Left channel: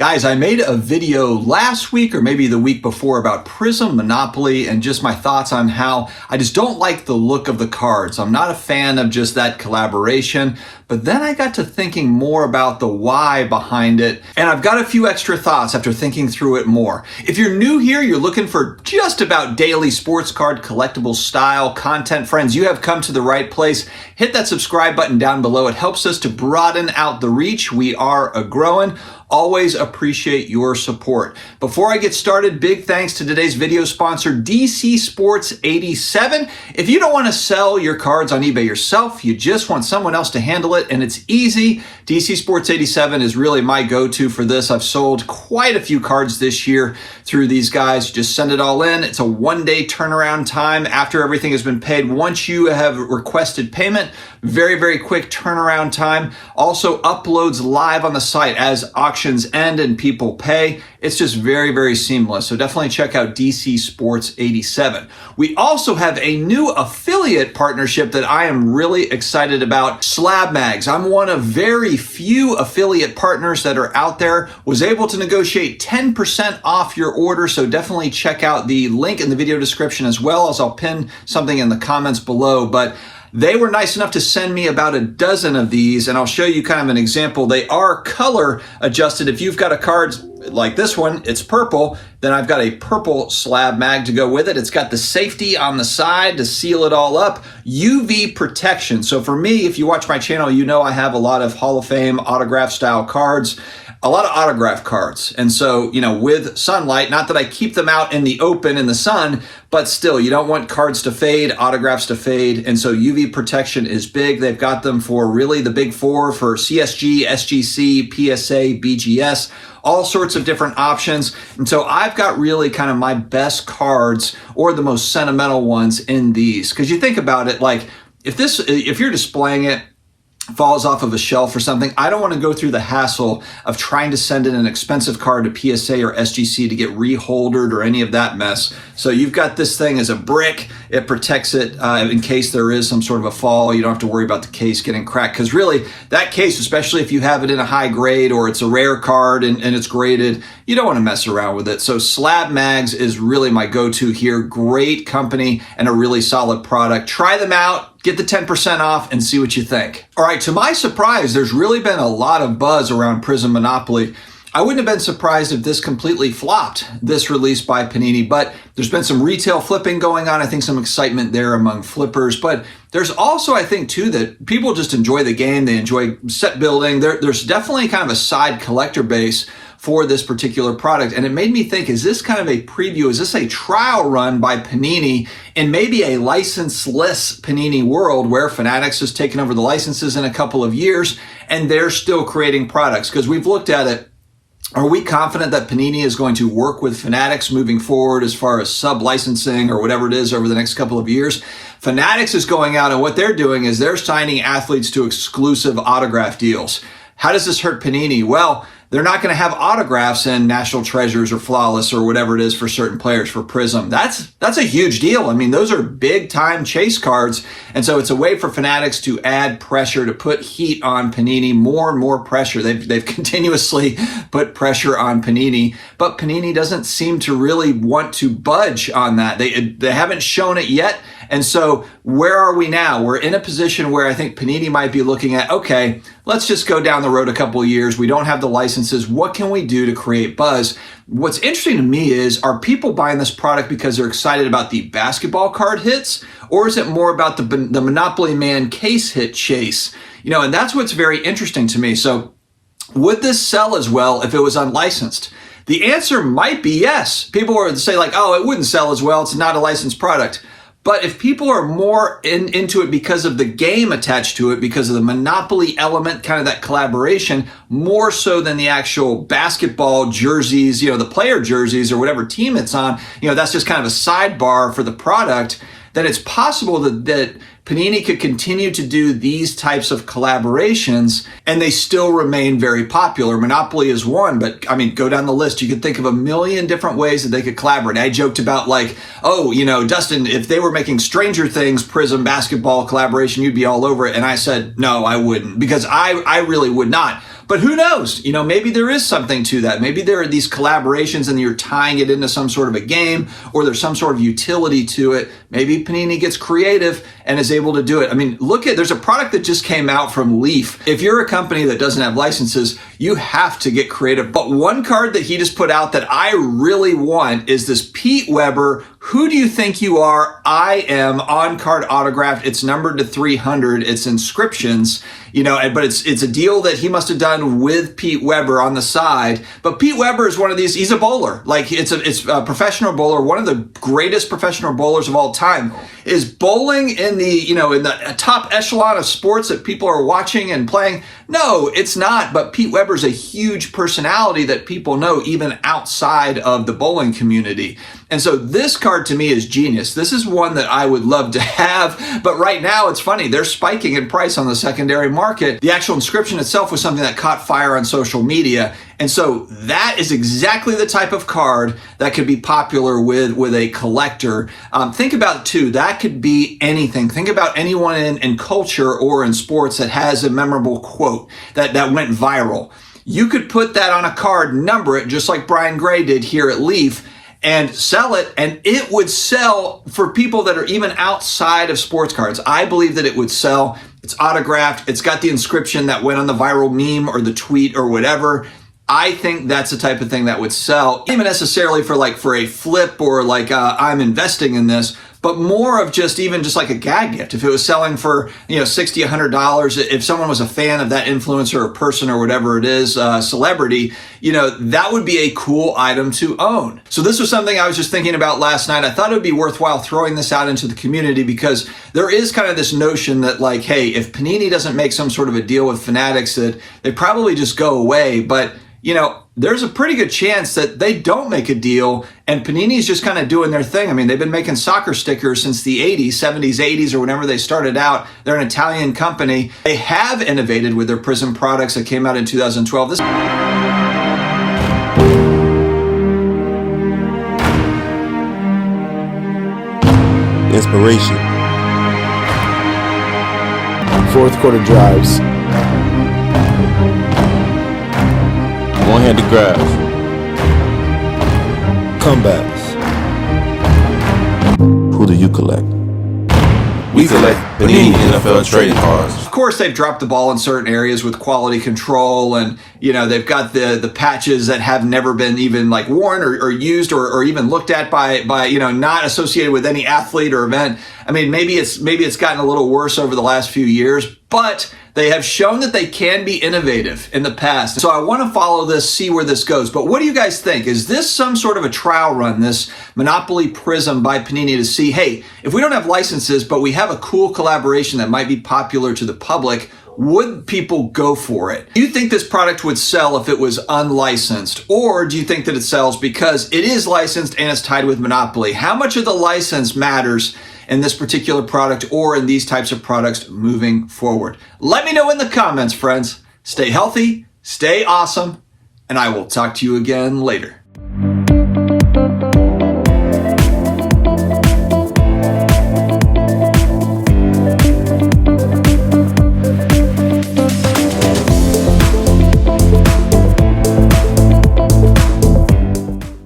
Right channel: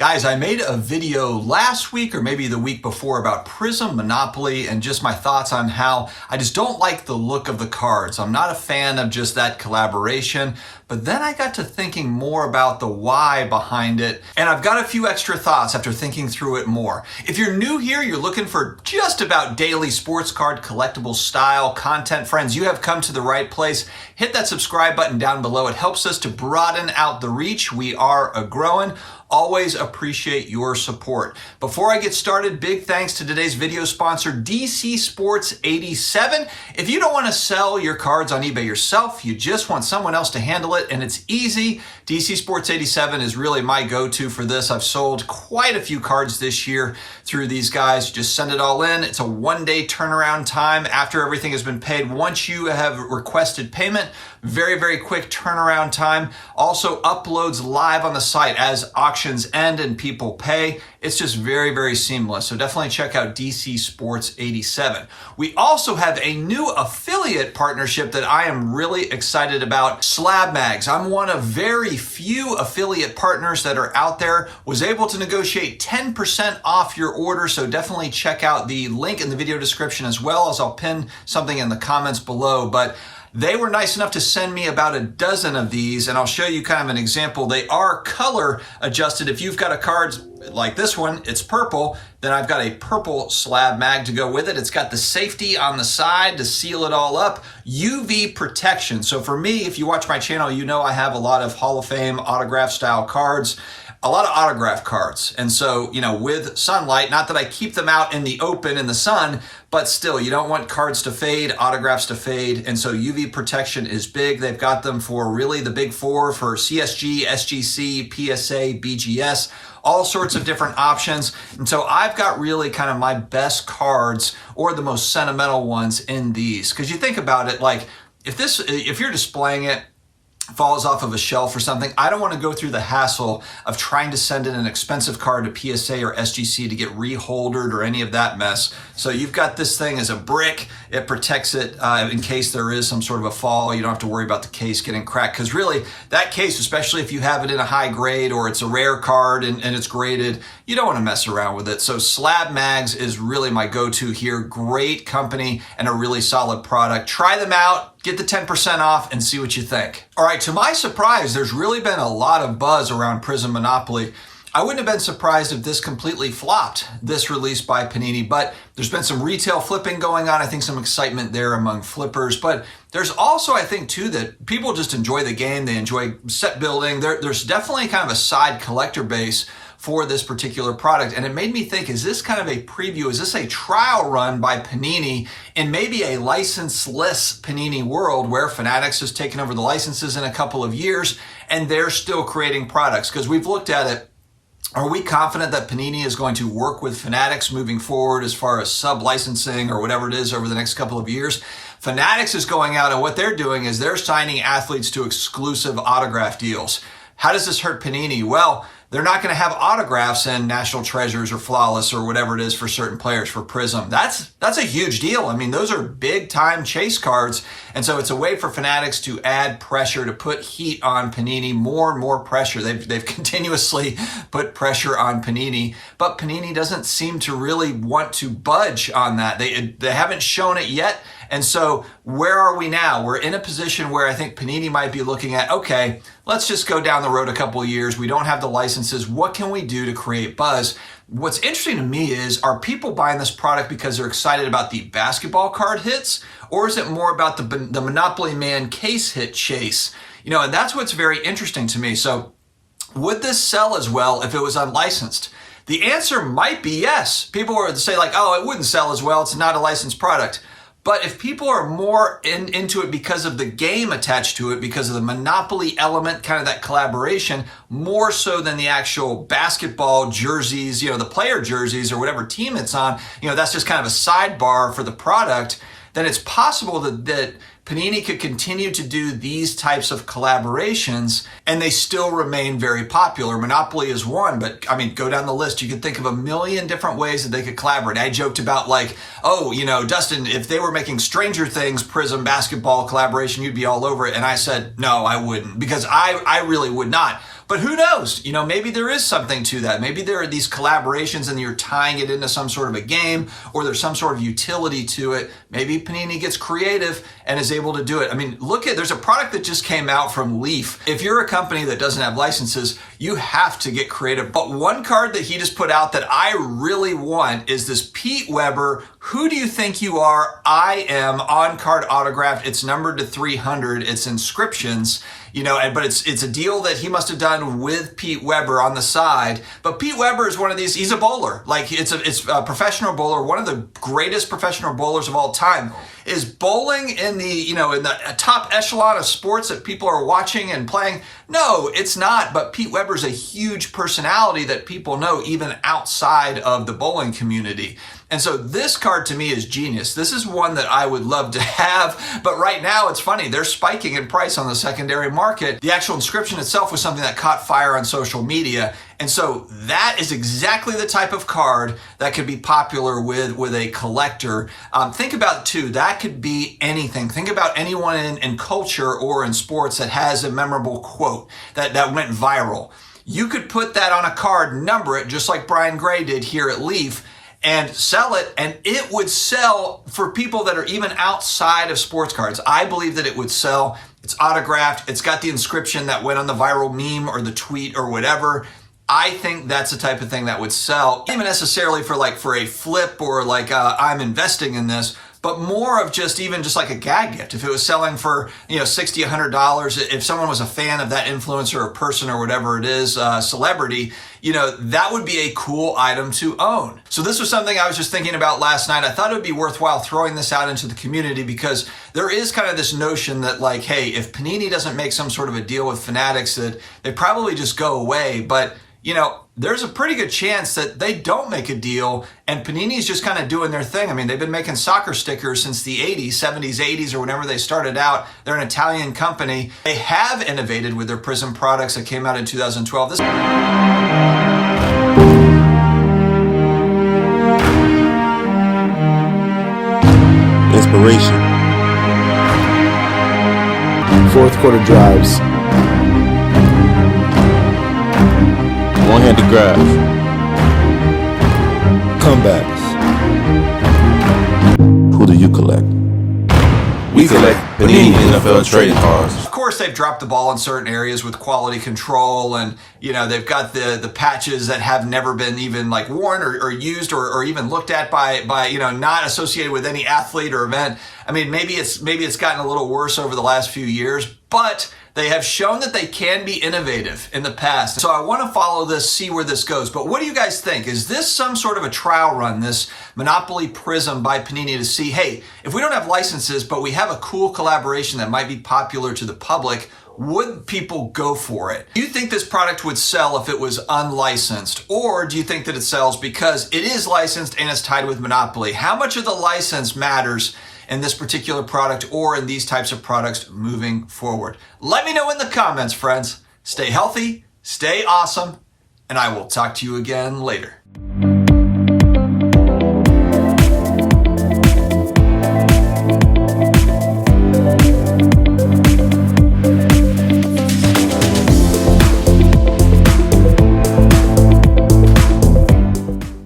Guys, I made a video last week or maybe the week before about Prizm Monopoly and just my thoughts on how I just don't like the look of the cards. I'm not a fan of just that collaboration, but then I got to thinking more about the why behind it, and I've got a few extra thoughts after thinking through it more. If you're new here, you're looking for just about daily sports card collectible style content, friends, you have come to the right place. Hit that subscribe button down below. It helps us to broaden out the reach. We are growing. Always appreciate your support. Before I get started, big thanks to today's video sponsor, DC Sports 87. If you don't want to sell your cards on eBay yourself, you just want someone else to handle it, and it's easy. DC Sports 87 is really my go-to for this. I've sold quite a few cards this year through these guys. You just send it all in. It's a one-day turnaround time after everything has been paid. Once you have requested payment, very, very quick turnaround time. Also uploads live on the site as auctions end and people pay. It's just very, very seamless. So definitely check out DC Sports 87. We also have a new affiliate partnership that I am really excited about, SlabMags. I'm one of very few affiliate partners that are out there. Was able to negotiate 10% off your order. So definitely check out the link in the video description, as well as I'll pin something in the comments below. But they were nice enough to send me about a dozen of these, and I'll show you kind of an example. They are color adjusted. If you've got a card like this one, it's purple, then I've got a purple slab mag to go with it. It's got the safety on the side to seal it all up. UV protection. So for me, if you watch my channel, you know I have a lot of Hall of Fame autograph style cards. A lot of autograph cards. And so, you know, with sunlight, not that I keep them out in the open in the sun, but still, you don't want cards to fade, autographs to fade. And so UV protection is big. They've got them for really the big four for CSG, SGC, PSA, BGS, all sorts of different options. And so I've got really kind of my best cards or the most sentimental ones in these. Because you think about it, like if you're displaying it, falls off of a shelf or something, I don't want to go through the hassle of trying to send in an expensive card to PSA or SGC to get reholdered or any of that mess. So you've got this thing as a brick. It protects it in case there is some sort of a fall. You don't have to worry about the case getting cracked, because really that case, especially if you have it in a high grade or it's a rare card and it's graded, you don't want to mess around with it. So SlabMags is really my go-to here. Great company and a really solid product. Try them out. Get the 10% off and see what you think. All right, to my surprise, there's really been a lot of buzz around Prizm Monopoly. I wouldn't have been surprised if this completely flopped, this release by Panini, but there's been some retail flipping going on. I think some excitement there among flippers, but there's also, I think too, that people just enjoy the game. They enjoy set building. There's definitely kind of a side collector base for this particular product. And it made me think, is this kind of a preview? Is this a trial run by Panini in maybe a licenseless Panini world where Fanatics has taken over the licenses in a couple of years and they're still creating products? Because we've looked at it. Are we confident that Panini is going to work with Fanatics moving forward as far as sub-licensing or whatever it is over the next couple of years? Fanatics is going out, and what they're doing is they're signing athletes to exclusive autograph deals. How does this hurt Panini? Well, they're not going to have autographs in National Treasures or Flawless or whatever it is for certain players for Prizm. That's a huge deal. I mean, those are big time chase cards. And so it's a way for Fanatics to add pressure, to put heat on Panini, more and more pressure. They've continuously put pressure on Panini, but Panini doesn't seem to really want to budge on that. They haven't shown it yet. And so where are we now? We're in a position where I think Panini might be looking at, okay, let's just go down the road a couple of years. We don't have the licenses. What can we do to create buzz? What's interesting to me is, are people buying this product because they're excited about the basketball card hits, or is it more about the Monopoly Man case hit chase? You know, and that's what's very interesting to me. So would this sell as well if it was unlicensed? The answer might be yes. People would say like, oh, it wouldn't sell as well. It's not a licensed product. But if people are more into it because of the game attached to it, because of the Monopoly element, kind of that collaboration, more so than the actual basketball jerseys, you know, the player jerseys or whatever team it's on, you know, that's just kind of a sidebar for the product, then it's possible that Panini could continue to do these types of collaborations and they still remain very popular. Monopoly is one, but I mean, go down the list. You could think of a million different ways that they could collaborate. I joked about like, oh, you know, Dustin, if they were making Stranger Things Prizm basketball collaboration, you'd be all over it. And I said, no, I wouldn't, because I really would not. But who knows? You know, maybe there is something to that. Maybe there are these collaborations and you're tying it into some sort of a game, or there's some sort of utility to it. Maybe Panini gets creative and is able to do it. I mean, there's a product that just came out from Leaf. If you're a company that doesn't have licenses, you have to get creative. But one card that he just put out that I really want is this Pete Weber, Who Do You Think You Are? I Am on card autographed. It's numbered to 300. It's inscriptions. You know, but it's a deal that he must have done with Pete Weber on the side. But Pete Weber is one of these, he's a bowler. Like it's a professional bowler, one of the greatest professional bowlers of all time. Is bowling in the top echelon of sports that people are watching and playing? No, it's not. But Pete Weber's a huge personality that people know even outside of the bowling community. And so this card to me is genius. This is one that I would love to have, but right now it's funny. They're spiking in price on the secondary market. The actual inscription itself was something that caught fire on social media. And so that is exactly the type of card that could be popular with a collector. Think about too, that could be anything. Think about anyone in culture or in sports that has a memorable quote that went viral. You could put that on a card, number it, just like Brian Gray did here at Leaf, and sell it, and it would sell for people that are even outside of sports cards. I believe that it would sell. It's autographed. It's got the inscription that went on the viral meme or the tweet or whatever. I think that's the type of thing that would sell, not even necessarily for a flip or I'm investing in this, but more of just like a gag gift. If it was selling for, $60, $100, if someone was a fan of that influencer or person or whatever it is, celebrity, that would be a cool item to own. So this was something I was just thinking about last night. I thought it would be worthwhile throwing this out into the community because there is kind of this notion that hey, if Panini doesn't make some sort of a deal with Fanatics, that they probably just go away. But there's a pretty good chance that they don't make a deal and Panini's just kind of doing their thing. I mean, they've been making soccer stickers since the 80s, 70s, 80s, or whenever they started out. They're an Italian company. They have innovated with their Prizm products that came out in 2012. Inspiration. Fourth quarter drives. One-handed grabs. Comebacks. Who do you collect? We collect Panini NFL trading cards. Of course, they've dropped the ball in certain areas with quality control, and they've got the patches that have never been even worn or used or even looked at by not associated with any athlete or event. I mean, maybe it's gotten a little worse over the last few years, but they have shown that they can be innovative in the past. So I want to follow this, see where this goes. But what do you guys think? Is this some sort of a trial run, this Monopoly Prizm by Panini, to see, hey, if we don't have licenses, but we have a cool collaboration that might be popular to the public, would people go for it? Do you think this product would sell if it was unlicensed? Or do you think that it sells because it is licensed and it's tied with Monopoly? How much of the license matters in this particular product or in these types of products moving forward? Let me know in the comments, friends. Stay healthy, stay awesome, and I will talk to you again later.